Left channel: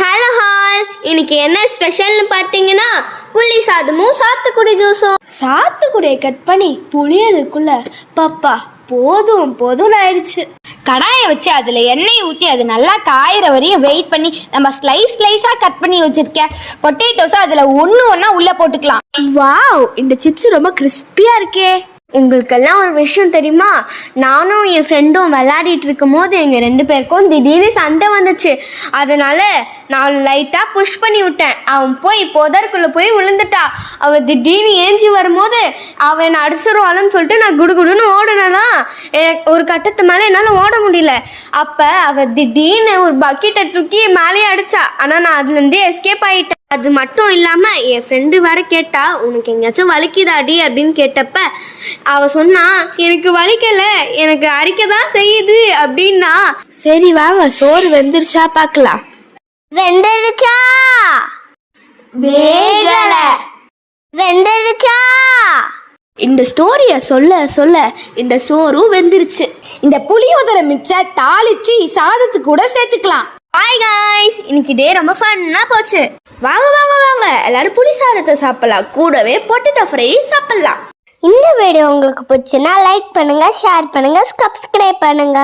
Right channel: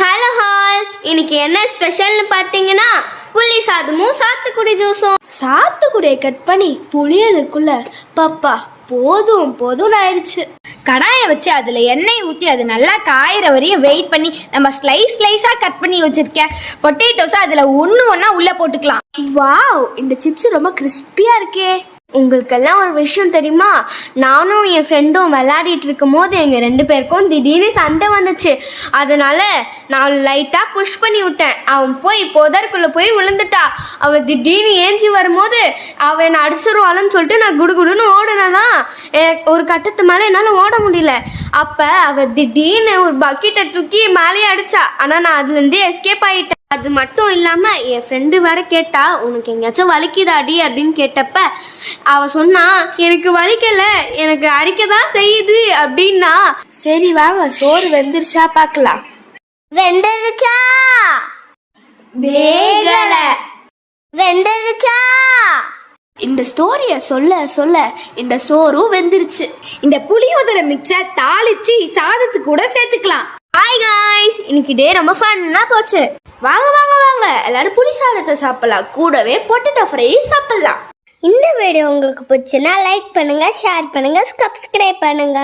Hello hall, இன்னைக்கு என்ன ஸ்பெஷல்னு பார்த்தீங்கன்னா புளி சாதமும் சாத்துக்குடி ஜூஸும். சாத்துக்குடியை கட் பண்ணி புளியதுக்குள்ள பப்பா போதும் போதும்னு ஆயிடுச்சு. கடாயை வச்சு அதில் எண்ணெய் ஊற்றி அது நல்லா காயிற வரையும் வெயிட் பண்ணி நம்ம ஸ்லைஸாக கட் பண்ணி வச்சுருக்கேன் பொட்டேட்டோஸை அதில் ஒன்றா உள்ளே போட்டுக்கலாம். வாவ், இந்த சிப்ஸ் ரொம்ப கிறிஸ்பியா இருக்கே. உங்களுக்கெல்லாம் ஒரு விஷயம் தெரியுமா? நானும் என் ஃப்ரெண்டும் விளையாடிட்டு இருக்கும் போது எங்கள் 2 பேருக்கும் திடீர்னு சண்டை வந்துச்சு. அதனால நான் லைட்டாக புஷ் பண்ணி விட்டேன். அவன் போய் புதருக்குள்ளே போய் விழுந்துட்டா. அவன் திடீர்னு ஏஞ்சி வரும்போது அவன் என்னை அடிச்சிருவாளன்னு சொல்லிட்டு நான் குடுகுடுன்னு ஓடினா ஒரு கட்டத்து மேலே என்னால் ஓட முடியல. அப்போ அவள் திடீர்னு ஒரு பக்கெட்டை தூக்கி மேலேயே அடிச்சா. ஆனால் நான் அதுலேருந்து எஸ்கேப் ஆகிட்டேன். அது மட்டும் இல்லாமல் என் ஃப்ரெண்டு வேற கேட்டா, உனக்கு எங்கேயாச்சும் வலிக்குதாடி அப்படின்னு கேட்டப்ப அவ சொன்னா, எனக்கு வலிக்கல, எனக்கு அரிக்கதான் செய்யுது அப்படின்னா. சரி வாங்க, சோறு வெந்துருச்சா பார்க்கலாம். வெந்துருச்சா? வேகல. வெந்துருச்சா? இந்த ஸ்டோரிய சொல்ல சொல்ல இந்த சோறும் வெந்துருச்சு. இந்த புளியோதரை மிக்ஸை தாளிச்சு சாதத்துக்கு கூட சேர்த்துக்கலாம். ஹாய் காய்ஸ், இன்னைக்கு டே ரொம்ப ஃபன்னா போச்சு. வாங்க வாங்க வாங்க, எல்லாரும் புளி சாதத்தை சாப்பிடலாம், கூடவே பொட்டேட்டோ ஃப்ரை சாப்பிடலாம். இந்த வீடியோ உங்களுக்கு பிடிச்சுன்னா லைக் பண்ணுங்க, ஷேர் பண்ணுங்க, சப்ஸ்கிரைப் பண்ணுங்க.